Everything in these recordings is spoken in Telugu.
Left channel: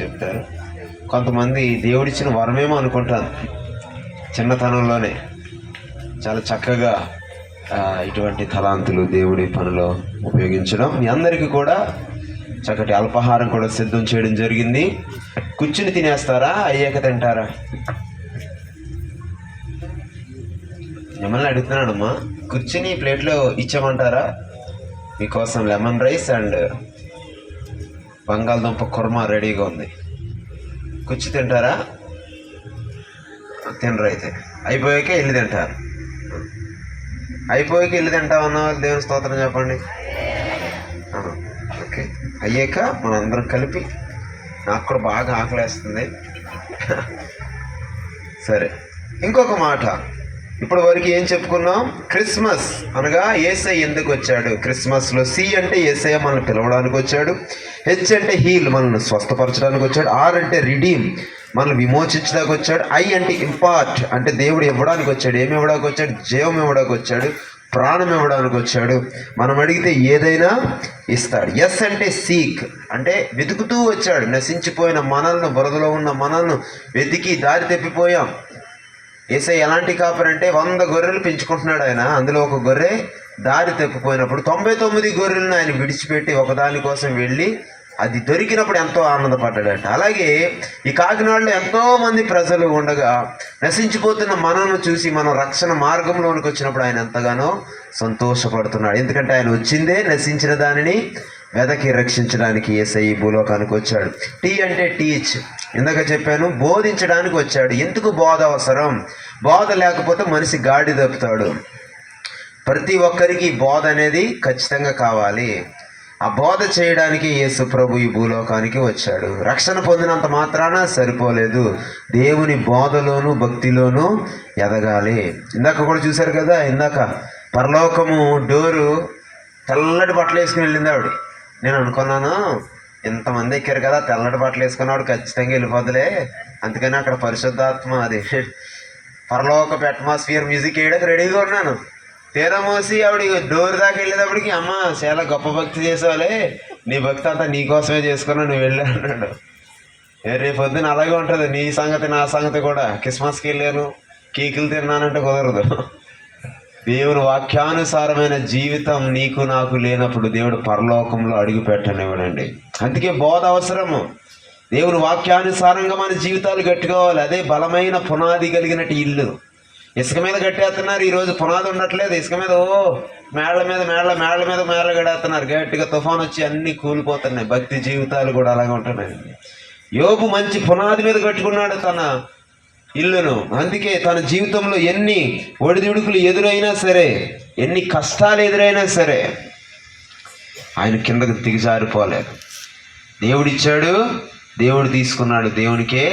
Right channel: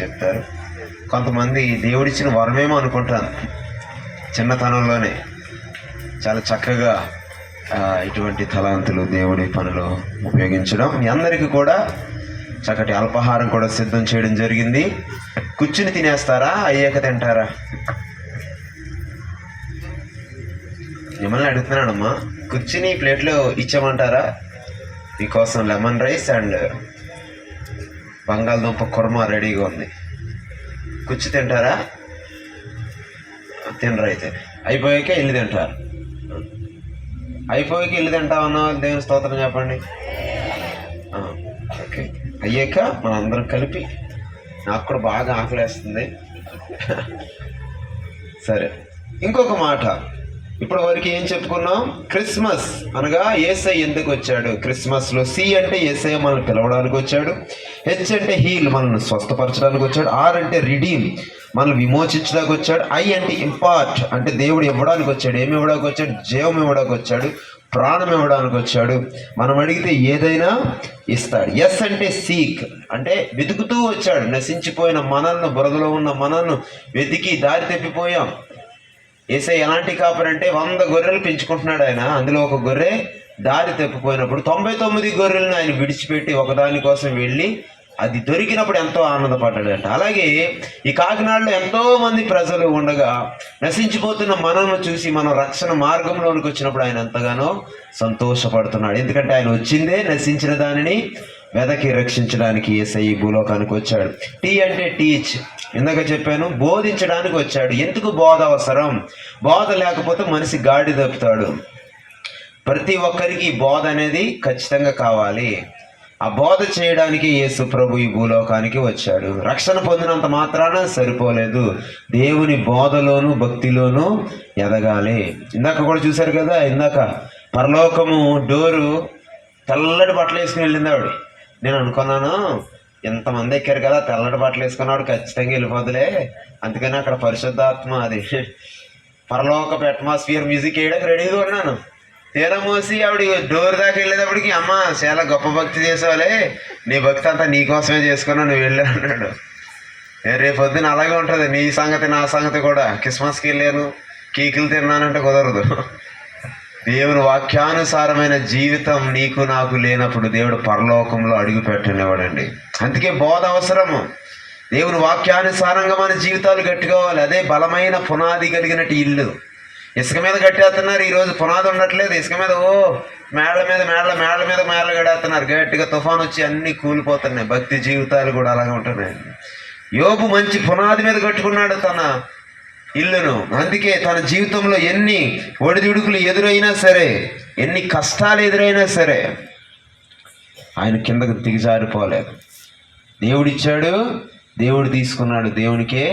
చెప్తారు. కొంతమంది దేవుడిచ్చిన వరమేమో అనుకుంటాను, చిన్నతనంలోనే చాలా చక్కగా ఇటువంటి తలాంతులు దేవుడి పనిలో ఉపయోగించడం. మీ అందరికీ కూడా చక్కటి అల్పాహారం కూడా సిద్ధం చేయడం జరిగింది. కూర్చుని తినేస్తారా, అయ్యాక తింటారా? మిమ్మల్ని అడుగుతున్నాడమ్మా. కూర్చుని ప్లేట్లో ఇచ్చామంటారా? మీకోసం లెమన్ రైస్ అండ్ బంగాళదుంప కుర్మా రెడీగా ఉంది. కూర్చు తింటారా? తినరు. అయితే అయిపోయాక వెళ్ళి తింటారు. అయిపోయాక వెళ్ళి తింటామన్న దేవుని స్తోత్రం చెప్పండి. ఓకే, అయ్యాక మనందరం కలిపి. నాకు కూడా బాగా ఆకలేస్తుంది. సరే, ఇంకొక మాట. ఇప్పటి వరకు ఏం చెప్పుకున్నాం? క్రిస్మస్ అనగా యేసయ్య ఎందుకు వచ్చాడు? క్రిస్మస్లో సి అంటే యేసయ్య మనల్ని పిలవడానికి వచ్చాడు. హెచ్ అంటే హీల్, మనల్ని స్వస్థపరచడానికి వచ్చాడు. ఆర్ అంటే రిడీమ్, మనల్ని విమోచించడానికి వచ్చాడు. ఐ అంటే ఇంపార్ట్, అంటే దేవుడు ఇవ్వడానికి వచ్చాడు. ఏమి ఇవ్వడానికి వచ్చాడు? జీవం ఇవ్వడానికి వచ్చాడు, ప్రాణం ఇవ్వడానికి వచ్చాడు. మనం అడిగితే ఏదైనా ఇస్తాడు. ఎస్ అంటే సీక్, అంటే వెతుకుతూ వచ్చాడు. నశించిపోయిన మనల్ని, బురదలో ఉన్న మనల్ని వెతికి దారి తప్పిపోయాం. యేసయ్య ఎలాంటి కాపరి అంటే 100 గొర్రెలు పెంచుకుంటున్నాడు ఆయన. అందులో ఒక గొర్రె దారి తప్పిపోయినప్పుడు 99 గొర్రెలను ఆయన విడిచిపెట్టి ఒకదాని కోసం వెళ్ళి అది దొరికినప్పుడు ఎంతో ఆనందపడ్డాడట. అలాగే ఈ కాకినాడలో ఎంతో మంది ప్రజలు ఉండగా నశించిపోతున్న మనల్ని చూసి మనం రక్షణ మార్గంలోనికి వచ్చినప్పుడు ఆయన ఎంతగానో సంతోషపడుతున్నాడు. ఎందుకంటే ఆయన వచ్చిందే నశించిన దానిని వెదకి రక్షించడానికి. యేసయ్య భూలోకానికి వచ్చాడు. టీ అంటే టీచ్, ఇందాక చెప్పాను, బోధించడానికి వచ్చాడు. ఎందుకు బోధ అవసరం? బోధ లేకపోతే మనిషి గాడి తప్పుతాడు. ప్రతి ఒక్కరికి బోధ అనేది ఖచ్చితంగా కావాలి. ఆ బోధ చేయడానికి యేసు ప్రభు ఈ భూలోకానికి వచ్చాడు. రక్షణ పొందినంత మాత్రాన సరిపోలేదు, దేవుని బోధలోను భక్తిలోనూ ఎదగాలి. ఇందాక కూడా చూశారు కదా, ఇందాక పరలోకము డోరు తెల్లటి బట్టలు వేసుకుని వెళ్ళింది ఆవిడ. నేను అనుకున్నాను, ఎంతమంది ఎక్కారు కదా, తెల్లటి బట్టలు వేసుకున్నాడు, ఖచ్చితంగా వెళ్ళిపోద్దులే. అందుకని అక్కడ పరిశుద్ధాత్మ అది పరలోకపు అట్మాస్ఫియర్ మ్యూజిక్ వేయడానికి రెడీగా ఉన్నాను. తీరా మోసి ఆవిడ డోర్ దాకా వెళ్ళేటప్పటికి, అమ్మ చాలా గొప్ప భక్తి చేసేవాళ్ళే, నీ భక్తి అంతా నీకోసమే చేసుకున్నా, నువ్వు వెళ్ళా అన్నాడు. రేపు పొద్దున్న అలాగే ఉంటుంది నీ సంగతి నా సంగతి కూడా. క్రిస్మస్కి వెళ్ళాను, కేకులు తిన్నానంటే కుదరదు. దేవుని వాక్యానుసారమైన జీవితం నీకు నాకు లేనప్పుడు దేవుడు పరలోకంలో అడుగు పెట్టనివ్వడండి. అందుకే బోధ అవసరము. దేవుని వాక్యానుసారంగా మన జీవితాలు కట్టుకోవాలి. అదే బలమైన పునాది కలిగినట్టు ఇల్లు. ఇసుక మీద కట్టేస్తున్నారు ఈరోజు, పునాది ఉండట్లేదు. ఇసుక మీద మేళ్ళ మీద కట్టేస్తున్నారు. గట్టిగా తుఫాన్ వచ్చి అన్నీ కూలిపోతున్నాయి. భక్తి జీవితాలు కూడా అలాగే ఉంటున్నాయి. యోబు మంచి పునాది మీద కట్టుకున్నాడు తన ఇల్లును. అందుకే తన జీవితంలో ఎన్ని ఒడిదుడుకులు ఎదురైనా సరే, ఎన్ని కష్టాలు ఎదురైనా సరే, ఆయన కిందకు దిగజారిపోలేదు. దేవుడిచ్చాడు, దేవుడు తీసుకున్నాడు. దేవునికే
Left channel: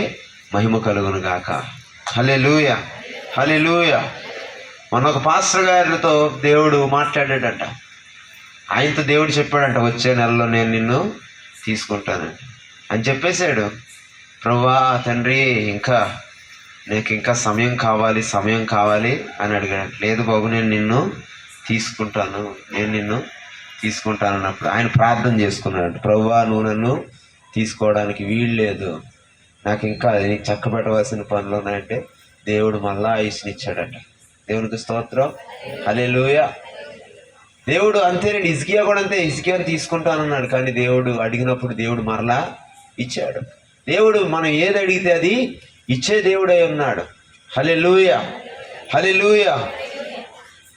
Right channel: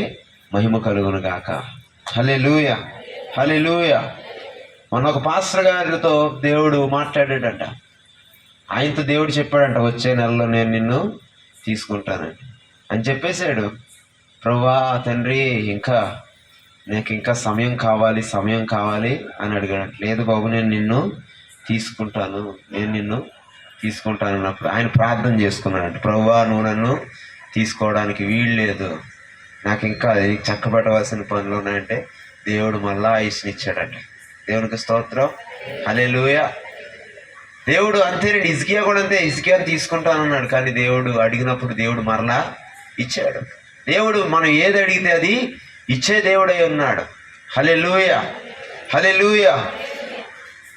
మహిమ కలుగును గాక. హల్లెలూయా, హల్లెలూయా. మొన్న ఒక పాస్టర్ గారితో దేవుడు మాట్లాడాడంట. ఆయనతో దేవుడు చెప్పాడంట, వచ్చే నెలలో నేను నిన్ను తీసుకుంటానండి అని చెప్పేశాడు. ప్రభువా తండ్రి, నాకు ఇంకా సమయం కావాలి అని అడిగాడు. లేదు బాబు, నేను నిన్ను తీసుకుంటాను అన్నప్పుడు ఆయన ప్రార్థన చేసుకున్నాడు. ప్రభువా, నువ్వు నన్ను తీసుకోవడానికి వీలు లేదు, నాకు ఇంకా నీకు చక్కబెట్టవలసిన పనులు ఉన్నాయంటే దేవుడు మళ్ళా ఆయుష్నిచ్చాడట. దేవునికి స్తోత్రం, హల్లెలూయా. దేవుడు అంతేనండి. హిజ్కియా కూడా అంతే, హిజ్కియాని తీసుకుంటానన్నాడు, కానీ దేవుడు అడిగినప్పుడు దేవుడు మరలా ఇచ్చాడు. దేవుడు మనం ఏది అడిగితే అది ఇచ్చే దేవుడై ఉన్నాడు. హల్లెలూయా, హల్లెలూయా.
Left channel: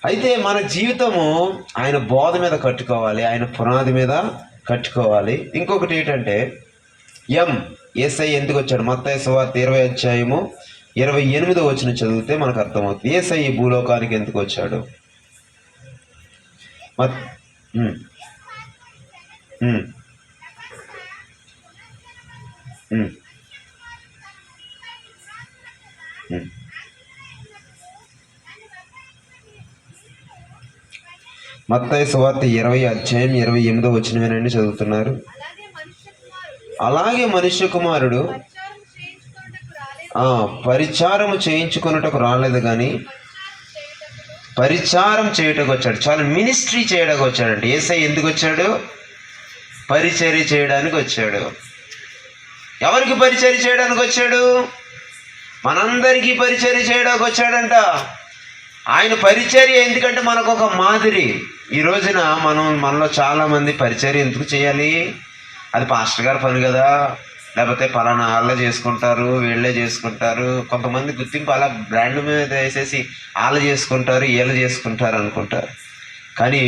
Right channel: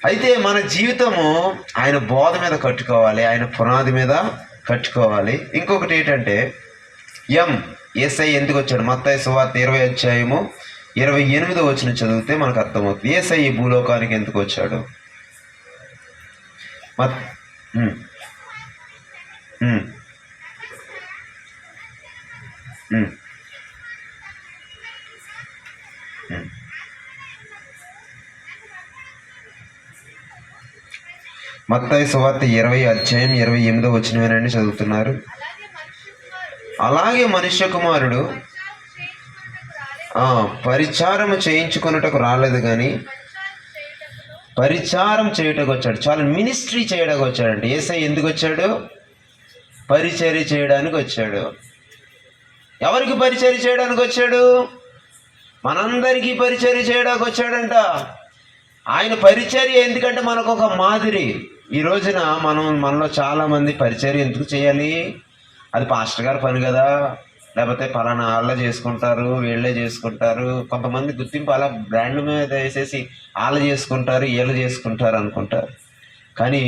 అయితే మన జీవితము ఆయన బోధ మీద కట్టుకోవాలి, ఆయన పునాది మీద కట్టుకోవాలి. ఇంకొకటి ఏంటంటే యేసయ్య ఎందుకు వచ్చాడు? మత్తయి సువార్త 20:28 చదివితే మనకు అర్థమవుతుంది. యేసయ్య ఈ భూలోకానికి ఎందుకు వచ్చాడు? మత్తయి సువార్త 20:28 చదువుతున్నారు. అలాగే మనుష్య కుమారుడు పరిచారము చేయించుకున్నటకు రాలేదు, కానీ పరిచారం చేయటకు వచ్చాడు. చాలా మినిస్ట్రీ చేయడానికి వచ్చాడండి. యేసయ్య ఎందుకు వచ్చాడు? పరిచర్య చేయడానికి వచ్చాడు. ఎవరికి పరిచర్య చేయడానికి వచ్చాడు? మనందరికీ పరిచర్య చేయడానికి వచ్చాడంట. ఆయన పరిచర్య ఎందుకంటే మనకు ఒక మాదిరి. ఈ రోజున మనలో చాలామంది పరిచర్య ఎందుకు చేయాలి? అది పాస్టర్ గారి పని కదా, లేకపోతే పలానా వాళ్ళే చేసుకుంటారు, వీళ్ళే చేసుకుంటారు. కొంతమంది గుర్తింపు అలా బ్రాండ్ మీద వేసేసి వాళ్ళు చేసుకుంటారు, వీళ్ళు చేసుకుంటారు అనుకుంటారు. కానీ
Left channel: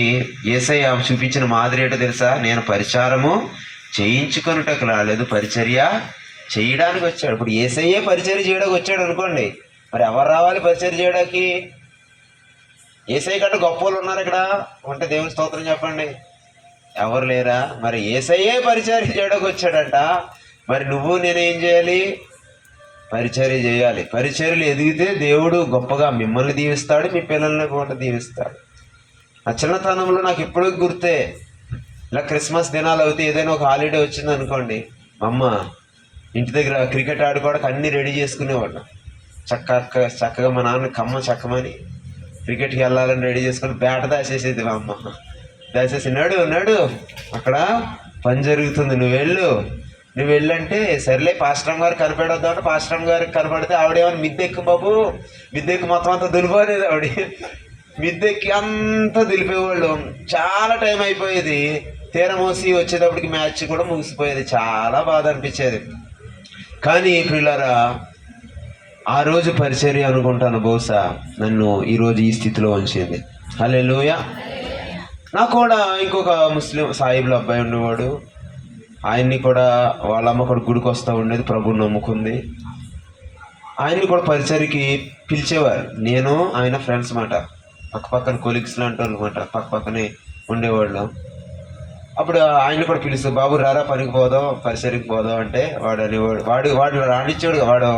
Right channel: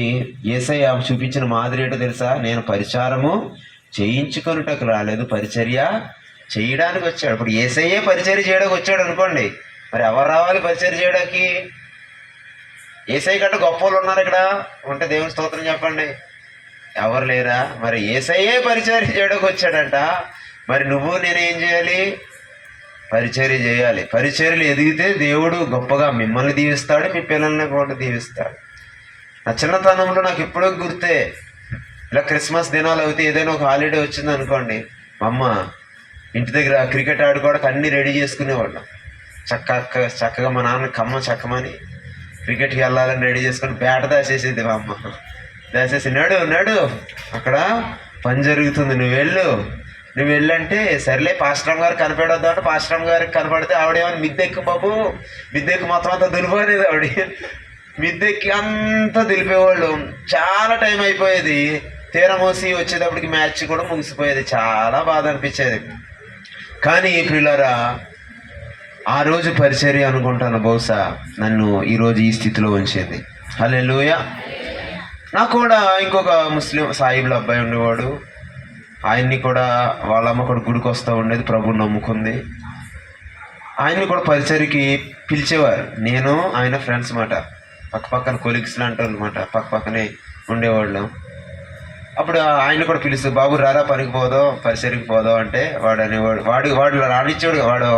యేసయ్య చూపించిన మాదిరి ఏంటో తెలుసా? నేను పరిచారము చేయించుకొనుటకు రాలేదు, పరిచర్య చేయడానికి వచ్చాడు. ఇప్పుడు యేసయ్యే పరిచర్య చేయడానికి వచ్చాడు అనుకోండి, మరి ఎవరు రావాలి పరిచర్య చేయడానికి? యేసయ్య కంటే గొప్ప వాళ్ళు ఉన్నారు ఇక్కడ ఉంటే దేవుని స్తోత్రం చెప్పండి. ఎవరు లేరా? మరి యేసయ్యే పరిచర్య చేయడానికి వచ్చాడంట. మరి నువ్వు నేనేం చేయాలి? పరిచర్య చేయాలి. పరిచర్యలు ఎదిగితే దేవుడు గొప్పగా మిమ్మల్ని దీవిస్తాడు, మీ పిల్లల్ని కూడా దీవిస్తాడు. నా చిన్నతనంలో నాకు ఎప్పుడో గుర్తే, ఇలా క్రిస్మస్ దినాలు అవుతే ఏదైనా ఒక హాలిడే వచ్చింది అనుకోండి, మా అమ్మ ఇంటి దగ్గర క్రికెట్ ఆడుకోవడానికి అన్నీ రెడీ చేసుకునేవాళ్ళం. చక్కగా మా నాన్న కమ్మ చక్కమని క్రికెట్కి వెళ్ళాలని రెడీ చేసుకుని బ్యాట దాసేసేది మా అమ్మ. దాసేసి నడు అక్కడ పని జరుగుతుంది, నువ్వు వెళ్ళంటే సర్లే పాస్టమ్ గారు కనపడొద్దు అంటే పాస్టమ్ గారికి కనపడితే ఆవిడేమన్నా మిద్దెక్కు బాబు, మిద్దెక్కు మొత్తం అంతా దులిపోనేది. ఆవిడ మిద్దెక్కి అంతా దులిపేవాళ్ళు. చాలా టైం అయిపోయేది. తీరమోసి వచ్చేటప్పటికి మ్యాచ్ కూడా ముగిసిపోయేది. చాలా బాధ అనిపించేది. కానీ ప్రియులారా, ఆ రోజు పరిచర్య అనుకుంటాను బహుశా నన్ను ఈరోజు ఈ స్థితిలో ఉంచింది. హల్లెలూయా. నాకు కూడా ఇంకొక ముస్లిం సాయిబుల అబ్బాయి ఉండేవాడు. ఆయన్ని కూడా వాళ్ళ అమ్మ కూడా గుడికి వస్తూ ఉండేది, ప్రభువుని నమ్ముకుంది. ఆయన్ని కూడా పరిచర్యకి పిలిచేవారు. నేను ఆయన ఫ్రెండ్స్ మాట, పక్కన కొలీగ్స్ లాంటి వాళ్ళు అనమాట, పక్కనే ఉండేవాళ్ళం. అప్పుడు ఆయన్ని కూడా పిలుస్తూ, బాబు రారా పనికి పోదాం, పరిచర్యకి పోదాం అంటే వాడు అనేవాడు. వాడు రానిచ్చాడు, వాడు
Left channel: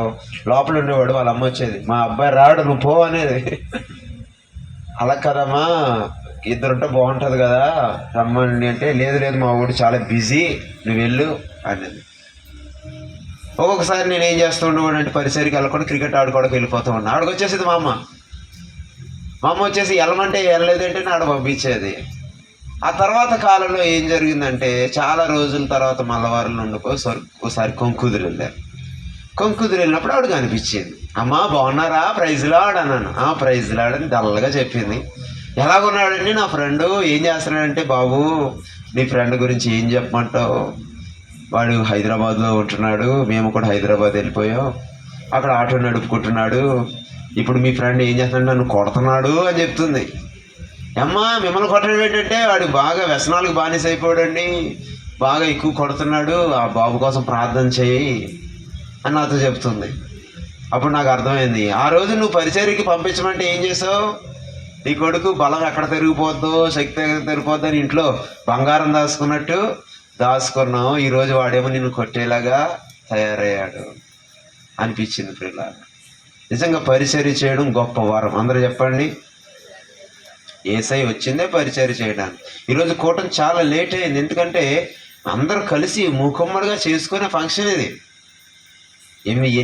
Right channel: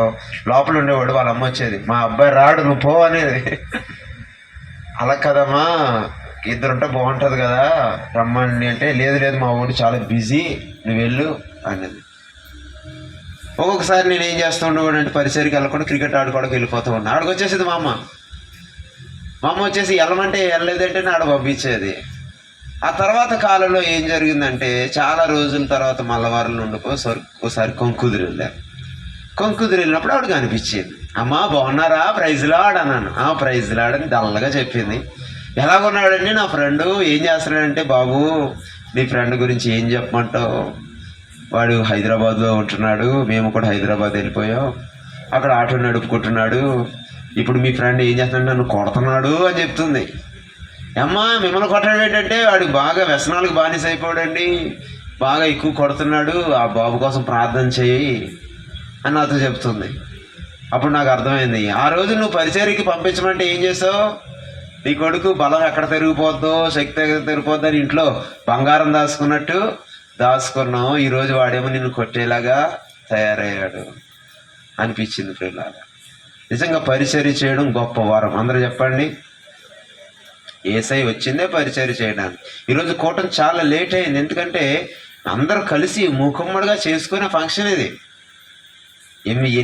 లోపల ఉండేవాడు. వాళ్ళ అమ్మ వచ్చేది, మా అబ్బాయి రాడు, నువ్వు పో అనేది. అలా కదమ్మా, ఇద్దరుంటే బాగుంటుంది కదా, రమ్మండి అంటే లేదు మా వాడు చాలా బిజీ, నువ్వు వెళ్ళు అనేది. ఒక్కొక్కసారి నేను ఏం చేస్తూ ఉండేవాడు అంటే పరిసరికి వెళ్ళకుండా క్రికెట్ ఆడుకోవడానికి వెళ్ళిపోతూ ఉన్నా. ఆడికి వచ్చేసేది మా అమ్మ వచ్చేసి వెళ్ళమంటే వెళ్ళలేదంటే ఆడ పంపించేది. ఆ తర్వాత కాలంలో ఏం జరిగిందంటే, చాలా రోజుల తర్వాత మల్లవారంలో ఒకసారి కొంకుదురు వెళ్ళారు. కొంకుదురు వెళ్ళినప్పుడు ఆవిడకి అనిపించింది, అమ్మా బాగున్నారా, ప్రైజ్లాడ్ అన్నాను. ప్రైజ్లాడ్ అని డల్గా చెప్పింది. ఎలాగున్నాడండి నా ఫ్రెండు, ఏం చేస్తున్నాడంటే, బాబు నీ ఫ్రెండ్ గురించి ఏం చెప్పమంటావు, వాడు హైదరాబాద్లో ఉంటున్నాడు, మేము కూడా హైదరాబాద్ వెళ్ళిపోయాం, అక్కడ ఆటో నడుపుకుంటున్నాడు, ఇప్పుడు మీ ఫ్రెండ్ ఏం చేస్తున్నాడు, నన్ను కొడుతున్నాడు అని చెప్తుంది. అమ్మా మిమ్మల్ని కొట్టడం ఏంటంటే, వాడు బాగా వ్యసనాలకు బానిస అయిపోయాడండి, బాగా ఎక్కువ కొడుతున్నాడు, ఆ బాబు కోసం ప్రార్థన చేయి అని నాతో చెప్తుంది. అప్పుడు నాకు అర్థమైంది, ఆ రోజు నువ్వు పరిచర్యకి పంపించమంటే ఏం చేసావు, నీ కొడుకు బలం ఎక్కడ తిరిగిపోద్దో, శక్తి ఎక్కడ తిరిగిపోద్దో అని ఇంట్లో బంగారం దాచుకున్నావు, ఈరోజు వాడేమో నిన్ను కొట్టేలాగా తయారయ్యాడు అనిపించింది. పిల్లలాగా నిజంగా పరిచర్య చేయడం గొప్ప వరం. అందరూ చెప్పండి. యేసయ్య వచ్చిందే పరిచర్య చేయడానికి. ఈరోజు కూటమి చాలా లేట్ అయింది, ఎందుకంటే అందరూ కలిసి మూకుమ్మడిగా చేసుకునే ఫంక్షన్ ఇది.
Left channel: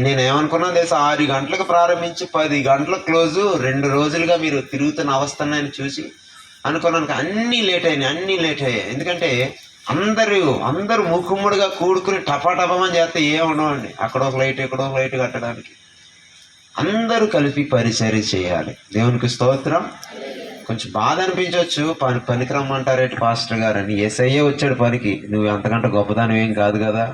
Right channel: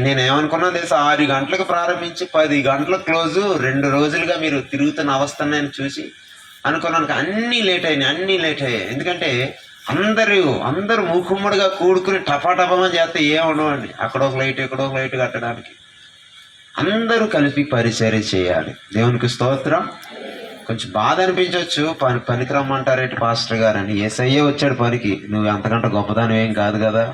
నేనేమనుకున్నాను తెలుసా, 6 గంటలకు ప్రారంభించి 10 గంటలకు క్లోజు, 2 రోజులుగా మీరు తిరుగుతున్న అవస్థని చూసి అనుకున్నాను. అన్నీ లేట్ అయ్యాయి. ఎందుకంటే అందరూ మూకుమ్మడిగా కూడుకుని టపాటపమని చేస్తే ఏముండవండి. అక్కడ ఒక లైట్ ఇక్కడ ఒక లైట్ కట్టడానికి అందరూ కలిపి పరిచర్య చేయాలి. దేవునికి స్తోత్రం. కొంచెం బాధ అనిపించవచ్చు, పనికి రమ్మంటారేంటి పాస్టర్ గారు అని. యేసయ్యే వచ్చాడు పనికి, నువ్వు అంతకంటే గొప్పదానం ఏం కాదు కదా.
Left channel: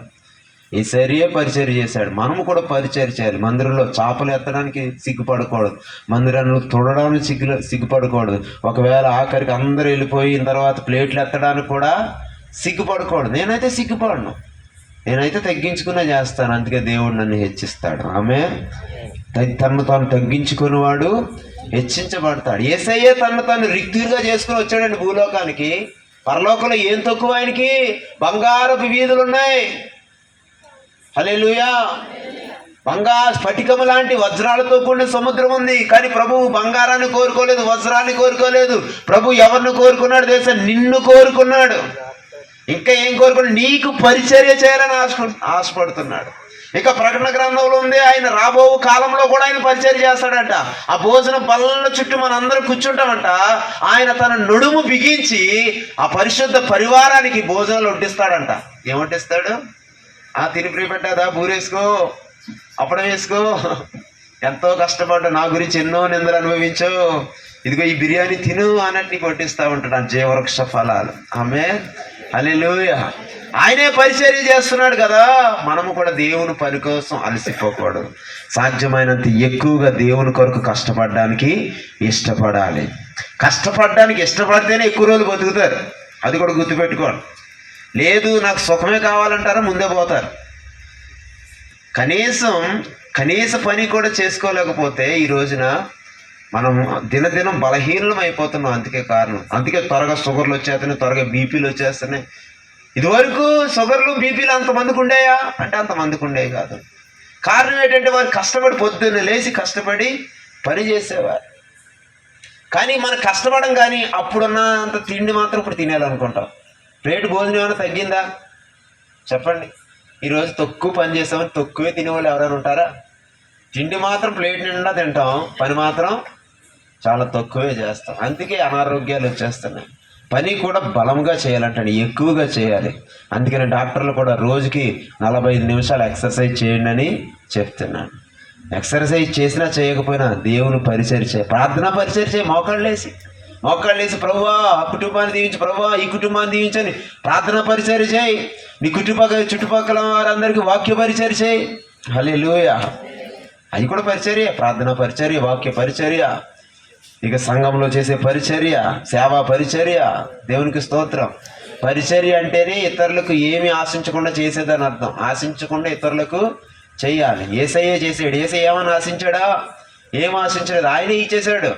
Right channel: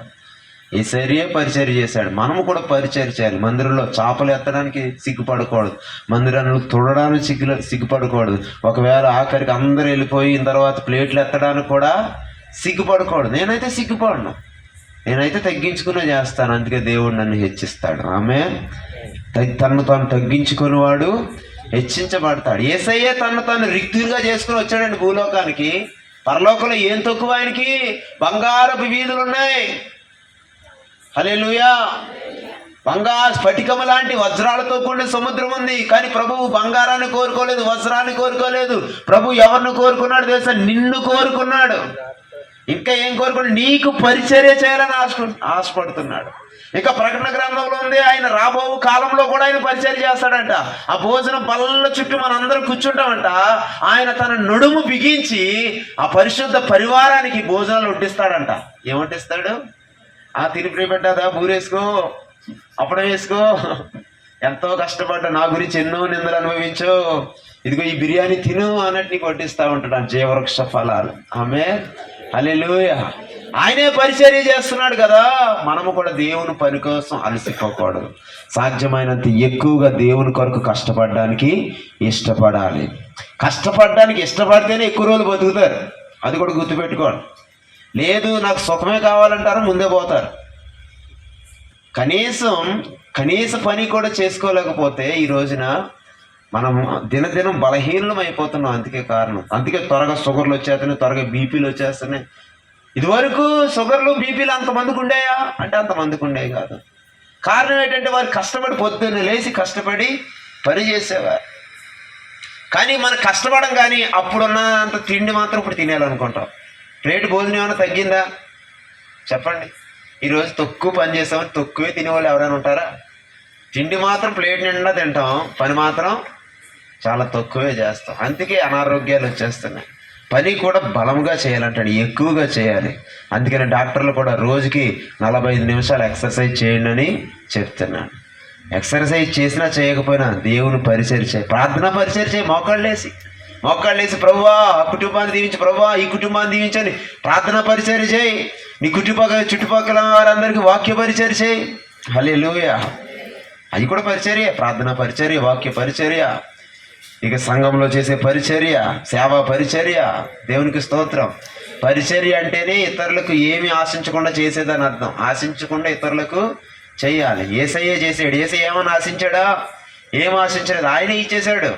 యేసయ్యే పరిచర్య చేశాడు, మనము కూడా పరిచర్య చేయాలి. మందిరంలో చేపలు ఎత్తడానికి సిగ్గుపడకూడదు, మందిరంలో తుడడానికి సిగ్గుపడకూడదు. ఒకవేళ ఆఖరికి అందరూ వెళ్ళిపోయిన తర్వాత ప్లేట్లు ఎత్తడానికి కూడా సిగ్గుపడకూడదు. నేనైతే సిగ్గుపడను, నేనైతే తగ్గించుకునే చేస్తాను. అందుకే దేవుడు నన్ను హెచ్చిస్తాడు. ఆమేన్. తన్ను తాను తగ్గించుకునేవాడు హెచ్చించబడతాడు. యేసయ్యే తను రిక్తులుగా చేసుకుని వచ్చాడండి భూలోకానికి. పరలోకంలో ఏం తక్కువ ఆయనకి? బంగారపు వీధులు ఉన్నాయి. హల్లెలూయా. బంగారు స్ఫటికము లాంటి వజ్రాలతో కూడిన సముద్రం ఉంది. కానీ ప్రభువు బంగారాన్ని కోరుకోలేదు, వజ్రాన్ని కోరుకోలేదు. ప్రభు ఎవరిని కోరుకున్నాడు తెలుసా? నిన్ను కోరుకున్నాడు. ఇంకా ఏం కోరుకున్నాడు? నీకు పరిచర్య చేయాలని ఆశపడుతున్నాడు. ఇక ప్రకటన గ్రంథంలో ఉంది, ఆయన రాబో కాలంలో కూడా ఆయన పరిచర్య చేస్తాడంట. ఆ భోజనం పళ్ళ చుట్టూ మనందరం కూర్చుంటామంట. ఆయన తన నడుము బిగించి ఆ పరిశుద్ధ పరివారానికి భోజనాలు వడ్డిస్తాడంట. ఏం వడ్డిస్తాడు? తిరిగి పెట్టాదా, బూరేసుకో, అప్పుడం వేసుకో, ఎంతో కష్టపడ్డా, నా గురించి ఎన్నో నిందలు అనుభవించు, ఇదిగో ఈ బిర్యానీ తిను అన్నట్టు నీకు వడ్డిస్తూ ఉంటాడు జీవవృక్ష ఫలాలు. ఆమేన్, హల్లెలూయా. ఆయనే పరిచర్య చేస్తున్నాడు కదా, మనము కూడా దేవుని పని కోసం అలసిపోకూడదు. సాధ్యమైనంత ఎక్కువగా దేవుని కొరకు కష్టపడడానికి ఇష్టపడాలి. కష్టపడడానికి ఇష్టపడితేనే ఎక్కువ రోజులు బతుకుతారు, అది కూడా గుర్తుపెట్టుకోండి. లేదు నాకు సుఖమే కావాలంటారా, ముందే పోతారు. కనీస పని కూడా చేసుకోలేకపోతే ఈ రోజున మనము దినదినం బలహీనం అయిపోతున్నాం. అందుకే త్వరగా షుగర్లు వచ్చేస్తున్నాయి, త్వరగా బీపీలు వచ్చేస్తున్నాయి. ఇదివరకు షుగర్లు బీపీలు అంతమందికి ఉండేయా అంటే అంతమందికి ఉండేవి కాదు. కారణం ఏంటంటే వారు కష్టపడి పొద్దున్న లేచి కష్టపడి పని చేసేవారు. కానీ మనం కష్టపడం, కానీ అప్పుడున్నంత తిండి మాత్రం ఇప్పుడు తినేయాలనుకుంటాం. ప్లేట్ భోజనం ఏమైనా తగ్గిందా చెప్పండి? ఈరోజు తక్కువ పని చేసామని తక్కువే తినేవాళ్ళు ఎవరైనా ఉంటారా? తిండి మాత్రం ప్లేట్ నిండా తింటాం, పని మాత్రం చాలా తక్కువే చేస్తాం. అందుకే అనారోగ్యాలు వచ్చేస్తున్నాయి. పని కూడా బలంగా చేయాలంటాడు, ఎక్కువగా చేయాలి. అందుకని డాక్టర్లు కూడా రోజుకి 45 నిమిషాలు ఎక్సర్సైజ్ చేయండి అని చెప్తున్నాను. ఎక్సర్సైజ్ చేసినా చేయకపోయినా దేవుని పరిచర్య చేయి, ప్రార్థనా పరిచర్య చేయి. మోకాళ్ళేసి ప్రభువా ఆ కుటుంబాన్ని దీవించి, ప్రభువా ఈ కుటుంబాన్ని దీవించని ప్రార్థనా పరిచర్య చేయి. నీ చుట్టుపక్కల వారందరికీ వాక్య పరిచర్య చేయి. హల్లెలూయా. అది కూడా పరిచర్య, ప్రార్థనా పరిచర్య, వాక్య పరిచర్య, ఇక సంఘంలో చేసే పరిచర్య, సేవా పరిచర్య. దేవునికి స్తోత్రం. పరిచర్య అంటేనే ఇతరులకు ఏమి ఆశించకుండా చేసేదని అర్థం. ఆశించకుండా ఇతరులకు చెయ్యాలి. యేసయ్యే చేసాడు. యేసయ్య ఏమని ఆశించాడా? ఏం ఆశించలేదు, ఆయనే ఇచ్చేసాడు.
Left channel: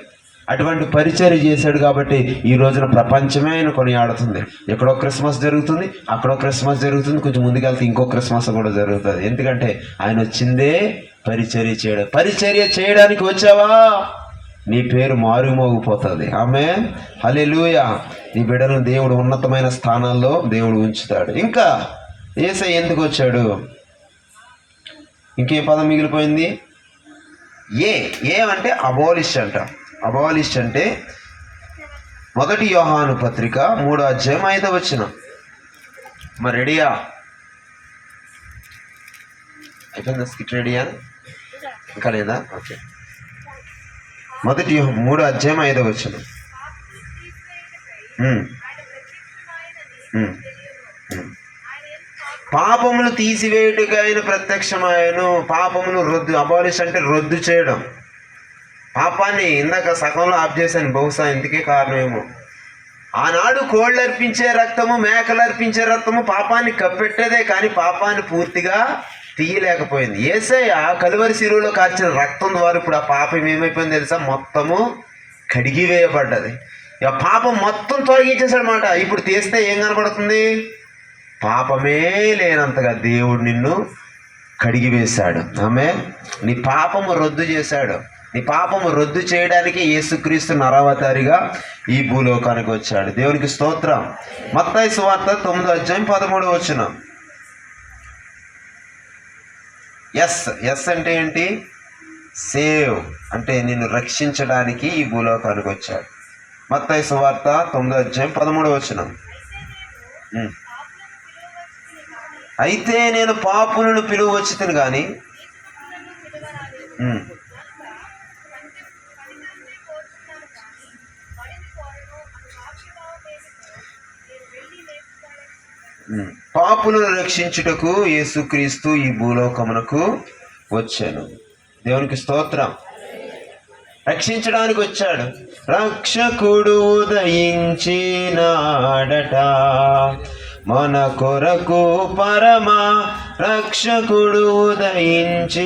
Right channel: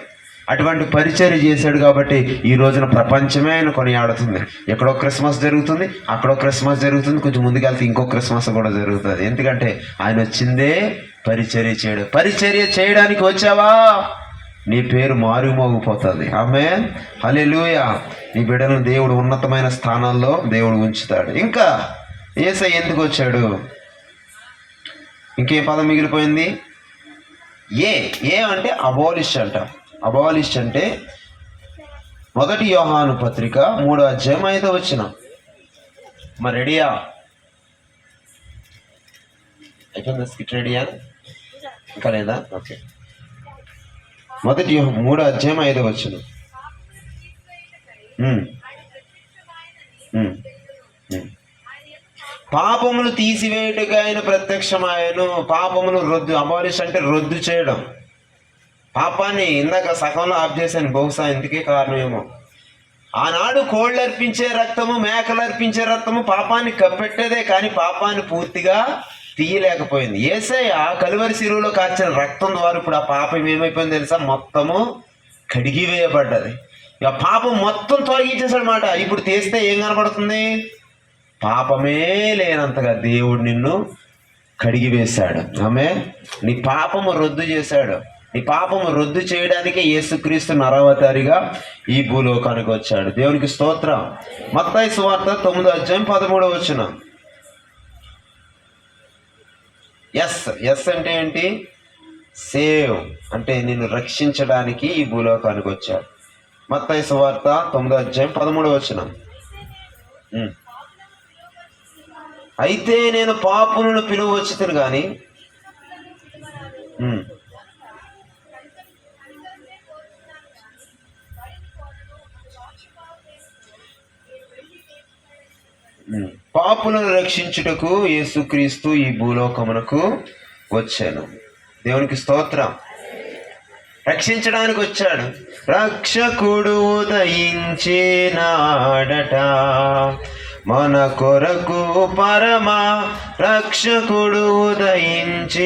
అటువంటి పరిచర్య చేశాడు కాబట్టి ఈ రోజున ప్రపంచమే ఆయన కొనియాడుతుంది. ఎక్కడో క్రిస్మస్ జరుగుతుంది, అక్కడో క్రిస్మస్ జరుగుతుంది, కొంచెం ముందుకెళ్తే ఇంకో క్రిస్మస్ కూడా జరుగుతుంది. ఎందుకంటే ఆయన వచ్చిందే పరిచర్య చేయడం. పరిచర్య చేయడానికి వచ్చావా, నీ పేరు మారుమోగిపోతుంది. ఆమేన్, హల్లెలూయా. నీ బిడ్డలను దేవుడు ఉన్నతమైన స్థానాల్లో దేవుడు ఉంచుతాడు. ఇంకా యేసయ్య ఎందుకు వచ్చాడు? ఇంకేం పదం మిగిలిపోయింది? ఏ అంటే అబాలిష్ అంట. అబాలిష్ అంటే 1 యోహాను పత్రిక 3వ అధ్యాయం 5వ వచనం. మరి రెడీయా? అయిపోయిందా స్కిట్? రెడీయా? ఇంకా లేదా? ఓకే. 1 యోహాను 3వ అధ్యాయం 5వ వచనం. పాపములు తీసివేయుటకు ఆయన ప్రత్యక్షమాయను. పాపమును రద్దు, అబాలిష్ అంటే రద్దు చేయడం. పాపాన్ని ఇందాక సగంలో ఆఫ్ చేశాను, బహుశా ఇందుకే కారణమేమో. ఆనాడు కోళ్ళు అర్పించే రక్తము, మేకలు అర్పించే రక్తము పాపాన్ని కప్పెట్టేదే, కానీ పాపాన్ని పూర్తిగా తీయలేకపోయింది. యేసయ్య కలువరి శిలువలో కార్చిన రక్తం ద్వారా ఇప్పుడు ఆ పాపం ఏమైపోయింది తెలుసా? మొత్తము కడిగి వేయబడ్డది. ఇక పాపం మొత్తం తొలగించేసాడు మాట. ఇప్పుడు తీస్తే ఏం కనపడుతుంది? పాపమే లేనంతగా దేవుడు నిన్ను కడిగి వేశాడు. ఆమేన్. నీ పాపము రద్దు చేశాడు. నీ పాపము రద్దు చేయడానికే యేసుక్రీస్తు నరవతారిగా ఈ భూలోకానికి వచ్చాడు. దేవునికి స్తోత్రం. మత్తయి సువార్త 9వ అధ్యాయం 13వ వచనం. ఎస్ అంటే ఏంటి? సేవ్ అంటే నిన్ను రక్షించడానికి ఈ భూలోకానికి వచ్చాడు. మత్తయి సువార్త 9వ అధ్యాయం 13వ వచనం. అయితే నేను పాపులను పిలువ వచ్చితిని కానీ పాపులను రక్షించుటకు యేసుక్రీస్తు ఈ భూలోకమునకు వచ్చాను. దేవునికి స్తోత్రం. రక్షించడానికి వచ్చాడు. రక్షకుడు ఉదయించినాడట మన కొరకు, పరమ రక్షకుడు ఉదయించినాడట.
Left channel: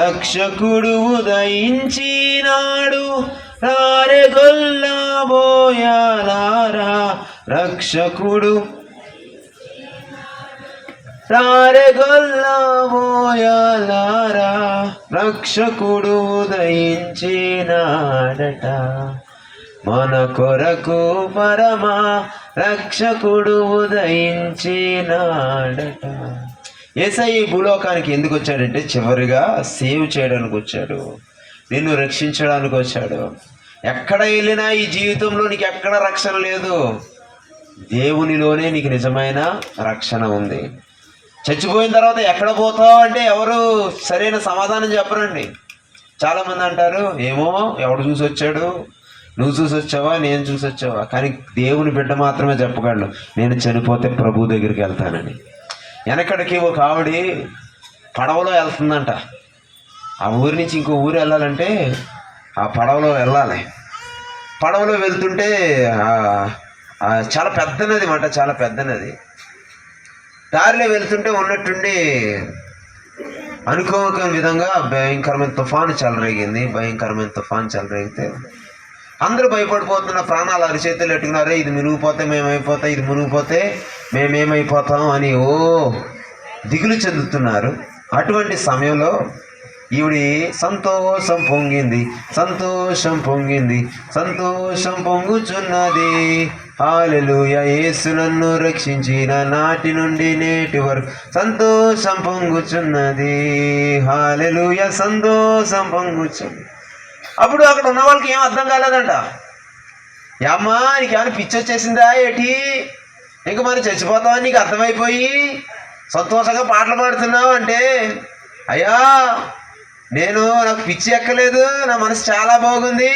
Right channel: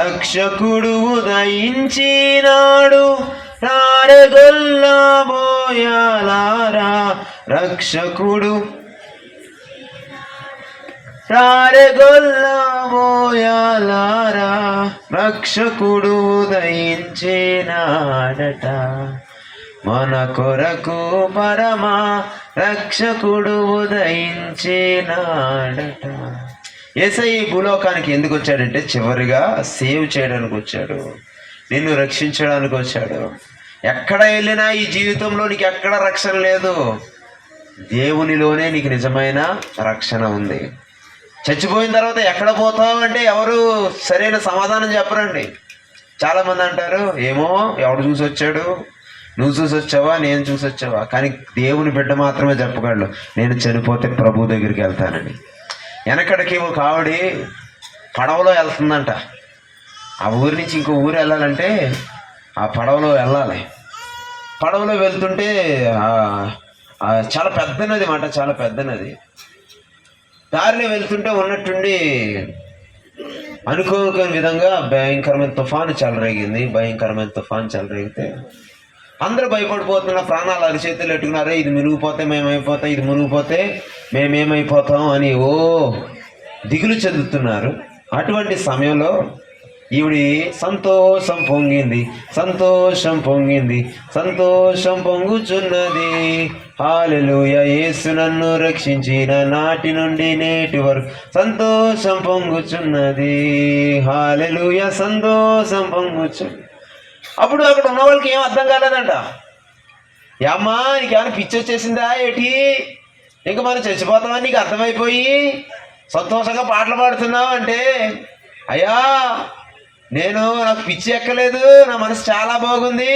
రక్షకుడు ఉదయించినాడు, రారె గొల్లబోయాలారా. రక్షకుడు రారె గొల్లబోయాలారా. రక్షకుడు ఉదయించినాడట మన కొరకు, పరమ రక్షకుడు ఉదయించినాడట. యేసయ్య ఈ భూలోకానికి ఎందుకు వచ్చాడంటే చివరిగా సేవ్ చేయడానికి వచ్చాడు, నిన్ను రక్షించడానికి వచ్చాడు. ఎక్కడ వెళ్ళినా ఈ జీవితంలో నీకు ఎక్కడ రక్షణ లేదు. దేవునిలోనే నీకు నిజమైన రక్షణ ఉంది. చచ్చిపోయిన తర్వాత ఎక్కడ పోతావు అంటే ఎవరు సరైన సమాధానం చెప్పరండి. చాలామంది అంటారు, ఏమో ఎవడు చూసి వచ్చాడు, నువ్వు చూసి వచ్చావా, నేను చూసి వచ్చావా. కానీ దేవుని బిడ్డ మాత్రమే చెప్పగలడు, నేను చనిపోతే ప్రభు దగ్గరికి వెళ్తానని. వెనకడికి ఒక ఆవిడ పడవలో వెళ్తుందంట. ఆ ఊరి నుంచి ఇంకో ఊరు వెళ్ళాలంటే ఆ పడవలో వెళ్ళాలి. పడవలో వెళ్తుంటే చాలా పెద్ద నది మాట, చాలా పెద్ద నది. దారిలో వెళ్తుంటే ఉన్నట్టుండి అనుకోని విధంగా భయంకరమైన తుఫాను చెలరేగింది. భయంకరమైన తుఫాను చెలరేగితే అందరూ భయపడిపోతున్న, ప్రాణాలు అరిచేతులు పెట్టుకున్నారు. ఇది మునిగిపోతే మేమైపోతాం, ఇది మునిగిపోతే మేమేమైపోతాం అని దిగులు చెందుతున్నారు. అటువంటి సమయంలో ఈవిడి సంతోషం పొంగింది, సంతోషం పొంగింది, సంతోషం పొంగుచున్నది. హల్లెలూయా, యేసు నన్ను రక్షించిన నాటి నుండి నేటి వరకు సంతోషం పొంగుచున్నది. హల్లెలూయా, సంతోషం పొంగుచున్నది. అప్పుడు అక్కడ ఉన్న వాళ్ళకి ఏం అర్థం కాలేదంట. అమ్మా నీకేమైనా పిచ్చి వచ్చేసిందా ఏటి, ఇంక మనం చచ్చిపోతామని నీకు అర్థమైపోయి సంతోషంగా పాటలు పాడుతున్నావు అంటే, అయ్యా నాకు పిచ్చి ఎక్కలేదు, నా మనసు చాలా బాగుంది,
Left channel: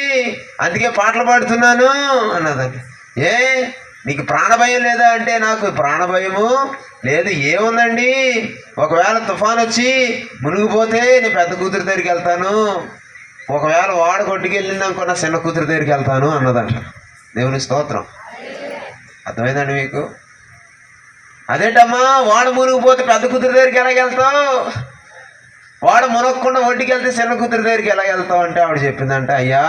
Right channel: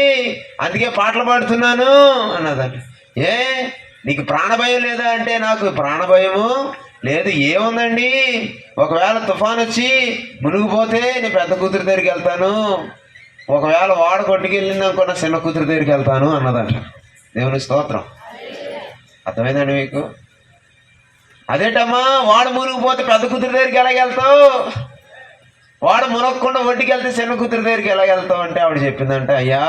అందుకే పాటలు పాడుతున్నాను అన్నదంట. నీకు ప్రాణభయం లేదా అంటే, నాకు ప్రాణభయము లేదు. ఏముందండి, ఒకవేళ తుఫాన్ వచ్చి మునిగిపోతే నేను పెద్ద కూతురు దగ్గరికి వెళ్తాను, ఒకవేళ వాడు కొట్టుకెళ్ళింది అనుకో నా చిన్న కూతురు దగ్గరికి వెళ్తాను అన్నదంట. దేవుని స్తోత్రం. అర్థమైందండి మీకు? అదేంటమ్మా వాడు మునిగిపోతే పెద్ద కూతురు దగ్గరికి ఎలాగెళ్తావు, వాడు మునగకుండా ఒడ్డుకి వెళ్తే చిన్న కూతురు దగ్గరికి ఎలాగెళ్తావు అంటే ఆవిడ చెప్పిందంట, అయ్యా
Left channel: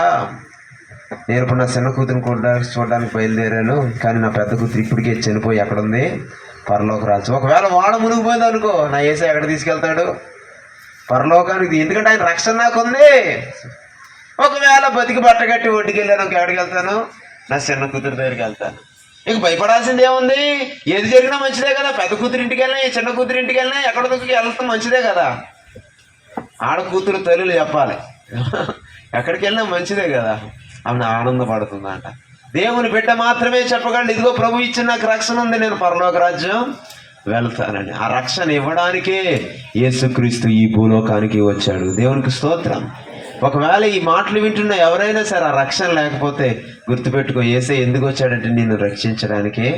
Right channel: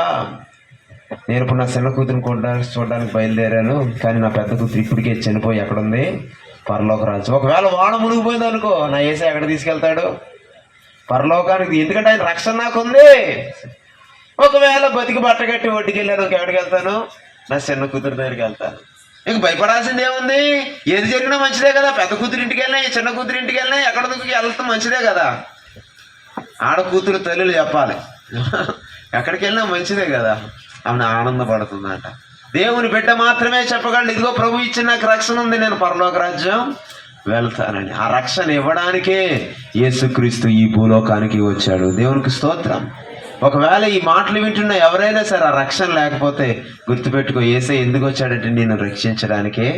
నేను ఇప్పుడు నా చిన్న కూతురుని చూడడానికి బయలుదేరాను, కానీ నా పెద్ద కూతురు ఇప్పటికే చనిపోయి ఎక్కడుంది, పరలోక రాజ్యం. ఒకవేళ వాడు మునిగిపోయింది అనుకో, నా యేసయ్య ఎక్కడ తీసుకెళ్తాడు, పరలోకానికి. ఎందుకంటే ఆయన రక్షణ నాకుంది. ఒకవేళ బతికి బట్టగట్టి ఒడ్డుకి వెళ్ళాను, ఎక్కడికి వెళ్తాను, నా చిన్న కూతురు దగ్గరికి వెళ్తాను. ఇంక భయపడాల్సింది ఏముంది, ఏది జరిగినా మంచిదే కదా. పెద్ద కూతురు ఇంటికి వెళ్ళినా, చిన్న కూతురు ఇంటికి వెళ్ళినా, ఎక్కడ వెళ్తాం మంచిదే కదా. ఆడ కూతురు తల్లులు చెప్పాలి, ఎక్కడికి వెళ్ళినా మంచిదే కదా. ఆమె ఆనందపడుతుందంట. దేవుని బిడ్డ మాత్రమే చెప్పగలడు, ఇదిగో ప్రభు ఇచ్చిన నాకు రక్షణ ఉంది, నేను పరలోక రాజ్యం వెళ్తానని. ఆ రక్షణ ఇవ్వడానికే యేసుక్రీస్తు ఈ భూలోకానికి వచ్చాడు. దేవునికి స్తోత్రం. ఒకవేళ ఈ మాటలు వింటున్న ఎవరైనా సరే ఆ రక్షణ లేకపోతే గుర్తుపెట్టుకో, యేసయ్య ఎందుకు వచ్చాడంటే నిన్ను రక్షించడానికే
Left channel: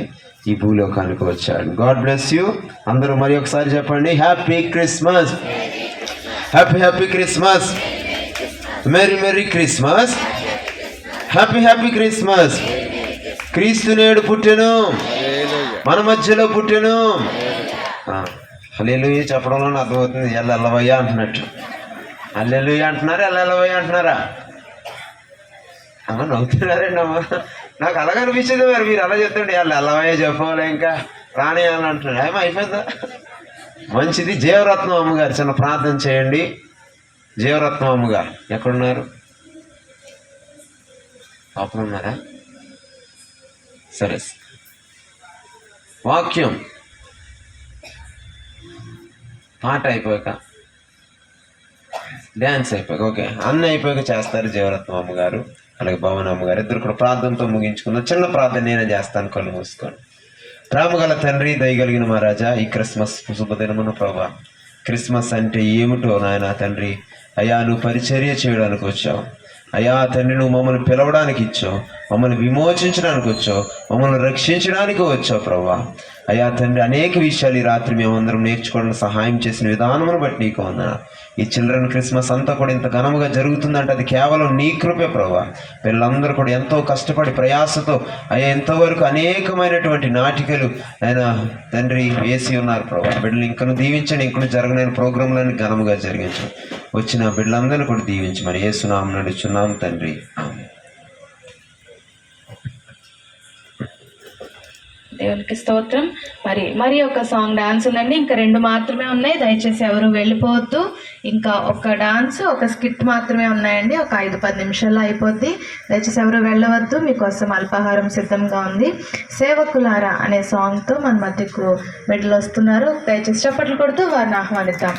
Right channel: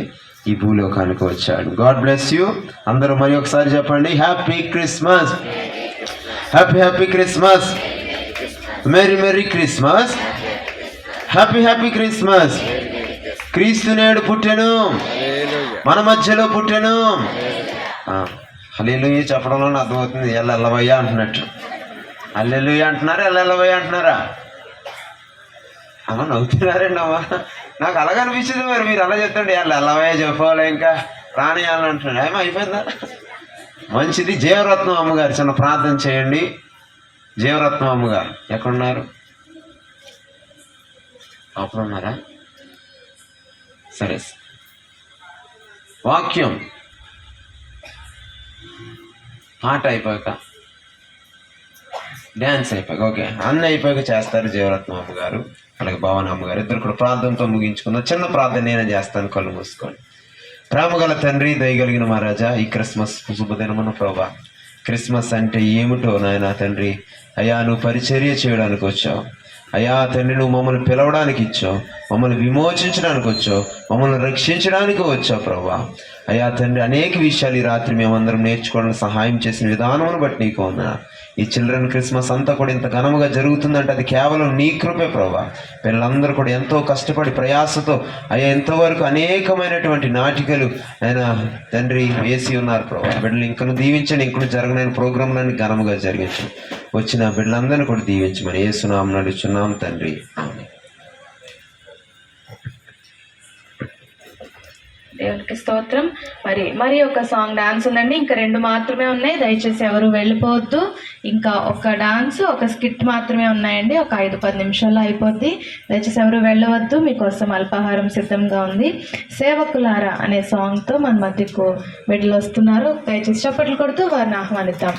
ఈ భూలోకానికి వచ్చాడు. God bless you. అందరూ మరి ఒకసారి చెప్పండి, happy Christmas, happy happy Christmas, merry merry Christmas, happy happy Christmas. క్రీస్తు నేడు పుట్టెను, మన మధ్యలో పుట్టెను. హల్లెలూయా చెప్పడంలో అర్థమవుతుంది, ఎల్లవయ్యా అంటున్నట్టు. హల్లెలూయా అంటున్నారా, ఎల్లవయ్యా అంటున్నారా? అమ్మ నవ్వుతున్నారండి అమ్మ, నాకు అలాగే అనిపించింది. మరి మీరు అలా చెప్తుండే ఎల్లవయ్యా చెప్పాలి, ఇంకా ప్రాణాయాలు అంటున్నాడు. ఏమో అయిపోయిందా? మంచిది. జీవరత్నం అమ్మగారు చిన్న ప్రార్థన చేయండి. జీవరత్నం అమ్మగారు ఎక్కడున్నారు? అప్పుడున్నారా? సరే, వాక్యం పాట అయిపోయాక, డ్యాన్స్ అయిపోయాక, ఓకే అన్నీ అయిపోయాక చేస్తారు జీవరత్నం అమ్మగారు అలాగే భవన్ అమ్మగారు. ఇద్దరు కూడా ప్రార్థనతో ముగించుకుందాం. చిన్న ప్రార్థన నేనే చేస్తాను, కళ్ళు మూసుకోండి. ప్రేమగల తండ్రి, దయగలిగిన మా రాజా, ఈ క్రిస్మస్ శుభదినమున ప్రభా, క్రిస్మస్ అంటే ఏమిటో నాయన తండ్రి, అయ్యా నువ్వు పరిచర్య చేయడానికి వచ్చావు. అయ్యా తండ్రి, నువ్వు మమ్మల్ని పిలవడానికి ఇచ్చావు, మమ్మల్ని విమోచించడానికి వచ్చావు, మమ్మల్ని రక్షించడానికి వచ్చావు ప్రభా. అయ్యా తండ్రి, అనేక విషయాలు ఈ రాత్రి మేమందరం నేర్చుకోవడానికి సహాయం చేసిన విధానమును బట్టి నీకు వందనాలు. ఈ చిల్డ్రన్ క్రిస్మస్ అంతా కూడా ఇంత ఘనముగా జరుగుతుందంటే అది కేవలం నీ కృపే ప్రభా. పిల్లలందరూ కూడా ఎంతో కష్టపడి ప్రయాసతో అయ్యా ఎంతవరకు అనేకమైనటువంటి నాటికలు ఆయన తండ్రి వేసి ఉన్నారు ప్రభా. బిడ్డలు ఇంకను దీవించండి, ఇంకను జరగలేని ప్రోగ్రాంలను ఘనముగా జరిగించండి. వచ్చిన బిడ్డలందరినీ కూడా దీవించి మరి యేసు నామమున నడుచున్నాం తండ్రి, ఆమేన్. దేవునికి స్తోత్రం. మరి ఒక సాంగ్ డాన్స్ ఉందండి, ఇంకా 2 మాత్రమే ఉన్నాయి. దయచేసి ఎవరు వెళ్ళిపోవద్దు. ఇంకా ఒక డాన్స్, ఒక స్కిట్ మాత్రమే ఉన్నాయండి. ఒక 5-10 నిమిషాల్లో అయిపోద్ది. దయచేసి ఎవరు వెళ్ళవద్దు, మీకోసం అల్పాహారం సిద్ధంగా ఉంది. సేవకులారా అనే సాంగ్తో మన మధ్యకు బిడ్డలు వస్తున్నారు. దయచేసి చప్పట్లు కొడుతూ వారిని ఆహ్వానిద్దాం.